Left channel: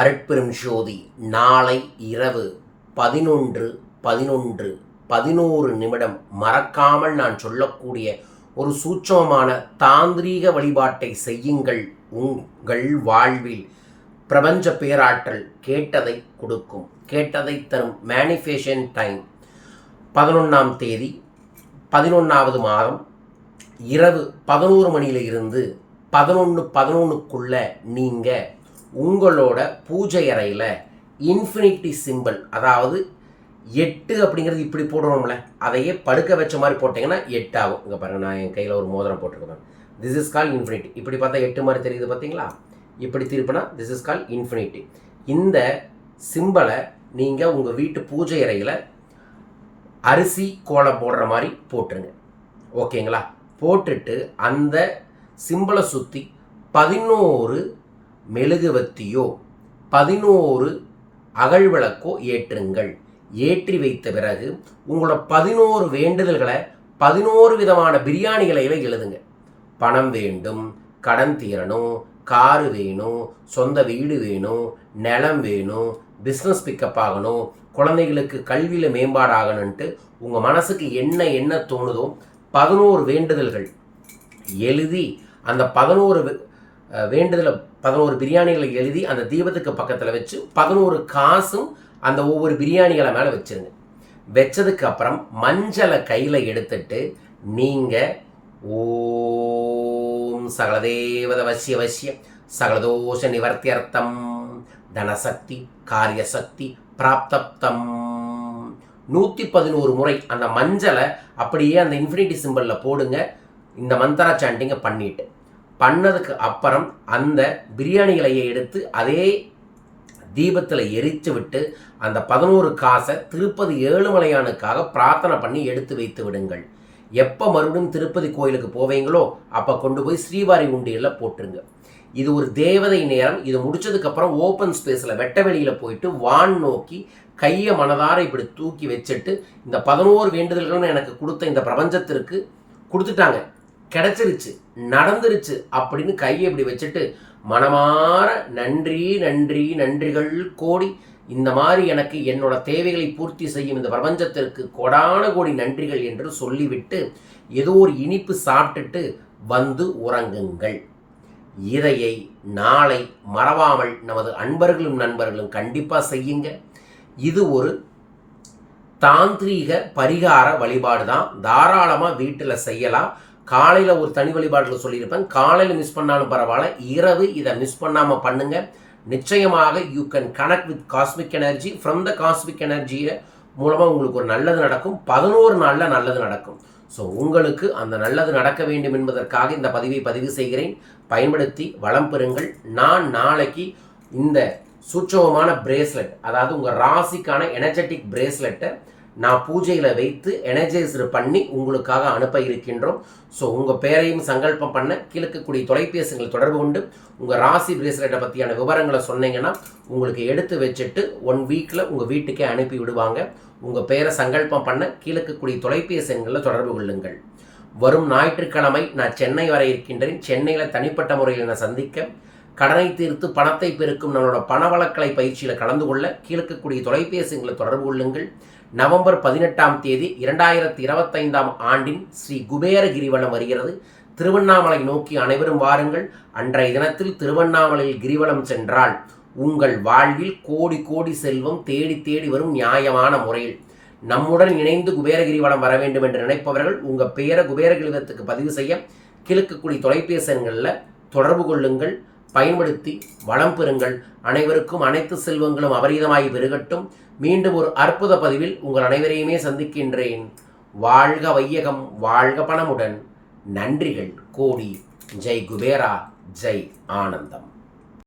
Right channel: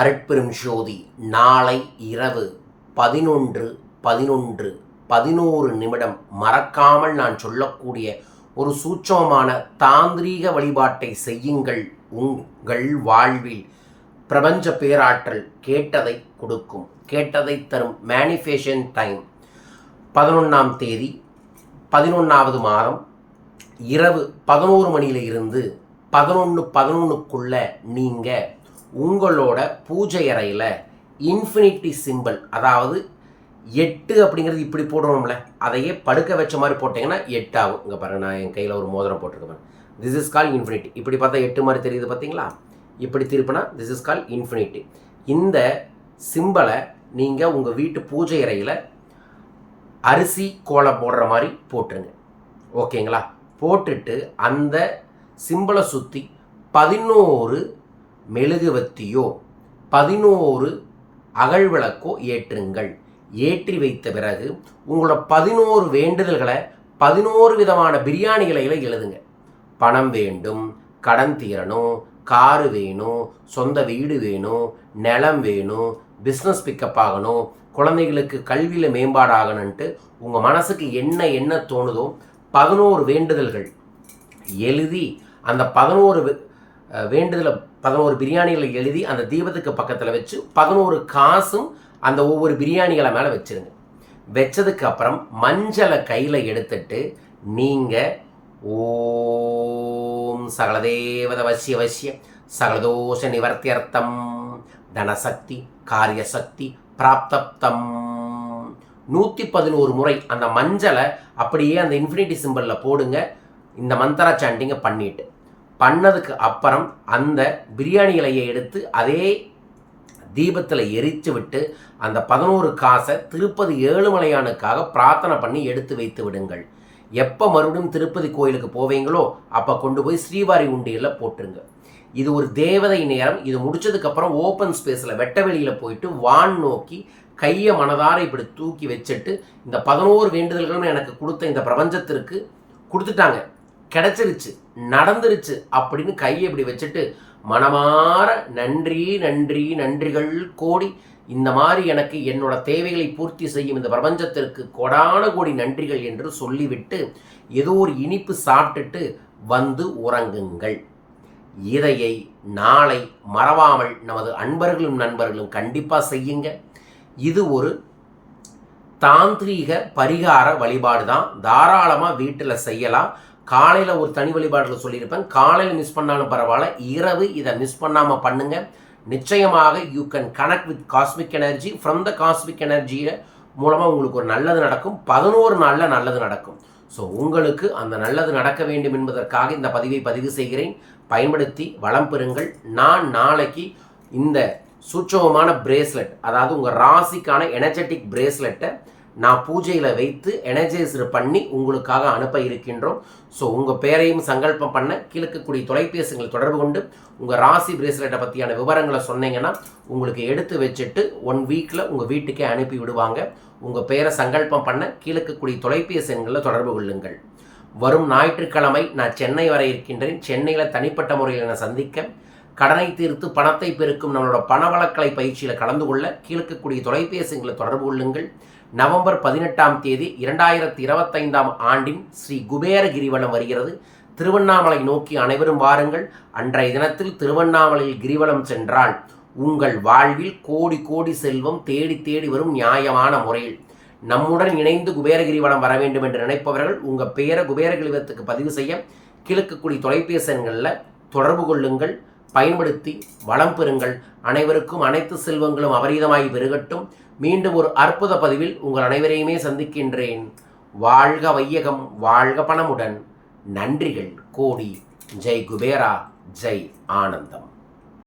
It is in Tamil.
அருட்பெரும் ஜோதி நாளை இரவு 11:11 மறக்காமல் நான் சொல்லக்கூடிய ஒரு சூட்சமமான தாந்திரீக வழிபாட்டை செய்யுங்கள். உங்கள் வாழ்வில் பிரபஞ்ச பேராற்றல் கேட்டதை கொடுக்கும், கேட்டதை தரும். மேனிஃபெஸ்டேஷன் டைம் 11ஆம் தேதி 11வது மாதம் இரவு 11 மணியிலிருந்து 11:11க்குள்ள நீங்கள் உங்களோட பூஜை அறையில் இன்ஃபினிட்டி சிம்பிள், அதாவது 8 அப்படிங்கிறது இப்படி போடணும்ல, அதையே படுக்க வச்ச மாதிரி போட்டிங்கன்னா 8 ஆகும். இங்கே பாருங்கள், நான் என் கையில் ஒரு மோதிரம் போட்டிருக்கேன். This is call infinity. இப்படி பார்த்தா 8 மாதிரி தெரியுது பார்த்தீங்களா? இப்படி திருப்பினா திஸ் இஸ் கால் இன்ஃபினிட்டி. இந்த சிம்பிளை நீங்கள் உங்கள் வீட்டு பூஜை அறையில் அரிசி கோலம் போடுற மாதிரி போட்டுருங்க. ஓகேங்களா? போட்டுட்டு அந்த சிம்பிளை சுற்றி 11 மெழுகுவத்தியோ 11 அகழ்விளக்கோ ஏற்றுங்கள். ஏற்றி வைத்த பிறகு உங்களோட 11 வேண்டுதல்களை 11 விதமான பிரியாணிகளை எழுதுங்க. பணம் வேண்டும், கடன் தீரணும், காரு வேணும், சொந்த வீடு வேணும், நிலம் வேணும், பிஸ்னஸ் பிக்கப் ஆகணும், குழந்தைகளுக்கு கல்வியில் மேம்பாடாகணுன்ட்டு உங்கள் மனசுக்கு என்ன தோணுதோ 11 வேண்டுதல்கள் எழுதி அந்த 11 வேண்டுதலை 11 பிரியாணிகளை எழுதி அந்த தீபத்துக்கு பக்கத்தில் வச்சு 11 காசும் அந்த ஒவ்வொரு பிரியாணிகளை மேலே வச்சுருங்க. வச்சதுக்கு அப்புறம் மஞ்சளை கையில் எடுத்துட்டு நீங்கள் ஓம் சகலதேவத வசிய வசிய சகலதோஷ நிவர்த்தியர்த்தம் தனசக்தி காரியசக்தி பிராப்தப்தம் 111 முறை அந்த மஞ்சளை அப்படியே அந்த இன்ஃபினிட்டி சிம்பிளில் போடுங்க. இந்த மந்திர சாண்டிங்கை பண்ணதுக்கு அப்புறம் அந்த பிரியாணி இலையை எடுத்து அதே தீபத்தில் எரித்து விட்டு அந்த 11 காசை திருப்பதி ஏழுமலையானுக்காக பிரார்த்தனை பண்ணி எடுத்து வைத்து விடுங்கள். எப்போ மறுபடியும் திருப்பதி கோயிலுக்கு போவீங்களோ அப்போ கொண்டு போய் ஸ்ரீவாரி உண்டியலில் போட்டுருங்க. இது ஒரு தேவதை நேரம். இது முடிச்சதுக்கப்புறம் ஓப்பன் ஸ்பேஸில் வெட்ட வெளியில் போயிட்டு வான் நோக்கி கையை மனதார இப்படி தூக்கி வச்சுட்டு இந்த 11 வேண்டுதல்களும் எனக்கு கொடுத்த இந்த பிரபஞ்சத்திற்கு கொடுத்துட்டாங்க, கிடைச்சிருச்சு, நடந்துருச்சு அப்படின்னு கையை இப்படி வச்சுட்டு மனமாற நன்றி நன்றி நன்றிகள் கோடி, இந்த மாதிரி எனக்கு என்னோட தேவைகளை பூர்த்தி செய்யும் இந்த பிரபஞ்சத்திற்கு கோடான கோடி நன்றிகள் என்று சொல்லிவிட்டு ஏதோ ஒரு இனிப்பு சாப்பிட்டுட்டு வந்து உறங்குங்கள். இதையை நாளை மறவாமல் நமது அன்பர்களும் நண்பர்களும் கண்டிப்பாக செய்யுங்க. இது ஒரு தாந்திரீக பரிகார வழிபாடு தான். தாராளமாக வீட்டில் செய்யலாம். காலையில் ஒரு தனி வழிபாட்டில் சொல்லியிருப்பேன், காலையில் மிஸ் பண்ணாலும் பரவாயில்ல, இரவு இதை மிஸ் பண்ணாமல் பண்ணுங்கள். நிச்சயமாக you can connect with cosmic energy. From the cosmic எனர்ஜியை மூலமாக உங்களுக்கு ஒரு நல்லது நடக்கும். 11 நாளில் நல்லது நடக்கும். ஸோ உங்களுக்கு அந்த நல்லது நடக்க வேண்டும் என்பதற்காக இந்த பதிவை பதிவு செய்கிறேன். பயன்படுத்தி வளம் பெறுங்கள். நான் நாளைக்கு இந்த சூட்சமமான பிரேஸ்லெட், அதாவது உங்கள் ராசிக்கான எனர்ஜெட்டிக் பிரேஸ்லெட்டை நான் பூஜையில் வைத்து எனர்ஜைஸ்டு பண்ணி உங்களுக்காக அனுப்ப இருக்கின்றோம். ஸோ உங்கள் பேரையும் சங்கல்பம் பண்ண கீழக்கூடிய தொலைபேசிகளை தொடர்பு கொண்டு உங்கள் ராசி பிரேஸ்லெட்டை பற்றியான விவரங்களை சொன்னீங்கன்னா உங்களுக்கு எடுத்து வச்சுட்டு 1 வீக்கில் உங்கள் வீட்டுக்கே அனுப்பி விடுவாங்க. உங்கள் பேரை சங்கல்பம் பண்ண கீழக்கூடிய தொலைபேசி எண்களில் தொடர்பு கொள்ளுங்கள். வரும் ஞாயிற்றுக்கிழமை நான் சென்னை வர இருக்கின்றேன். சென்னையில் தனிப்பட்ட முறையில் நான் சந்திக்க, கடனை தீர்த்து பணத்தை பெருக்கும் நம்மளோட பணவளக்கலை பயிற்சியில் கலந்து கொள்ள கீழக்கூடிய தொலைபேசிகளை தொடர்பு கொள்ளுங்கள். நவம்பர் 18ஆம் தேதி 2025ஆம் ஆண்டின் ஸ்ரீ குபேர கிரிவலம் வருகிறது. திருவண்ணாமலை நோக்கி அனைவரும் வாருங்கள். அன்றைய தினத்தில் திருவண்ணாமலையில் கிரிவலம் சென்றால் உங்கள் வாழ்வில் கோடி கோடி செல்வம் தேடி தேடி வரும் நியாயமான முறையில். நம்முடன் இணைந்து குபேர கிரிவலம் வர வேண்டும் என்று நினைப்பவர்கள் உங்கள் பெயரை குபேர கிரிவலத்துக்கு பதிவு செய்ய கீழக்கூடிய தொலைபேசி எண்களில் தொடர்பு கொள்ளுங்கள். பயன்படுத்தி வளம் பெறுங்கள். அனைவருக்கும் அனைத்து செல்வங்களும் அபரீதமாகி பெருகட்டும். மீண்டும் ஒரு அற்புத பதிவில் உங்கள் அனைவரையுமே சந்திக்கின்றேன். வாழ்க வையகம், வாழ்க பணமுடன். நன்றிகள் கோடி. ஜெய் குபேரா, ஜெய் ஆனந்தம்.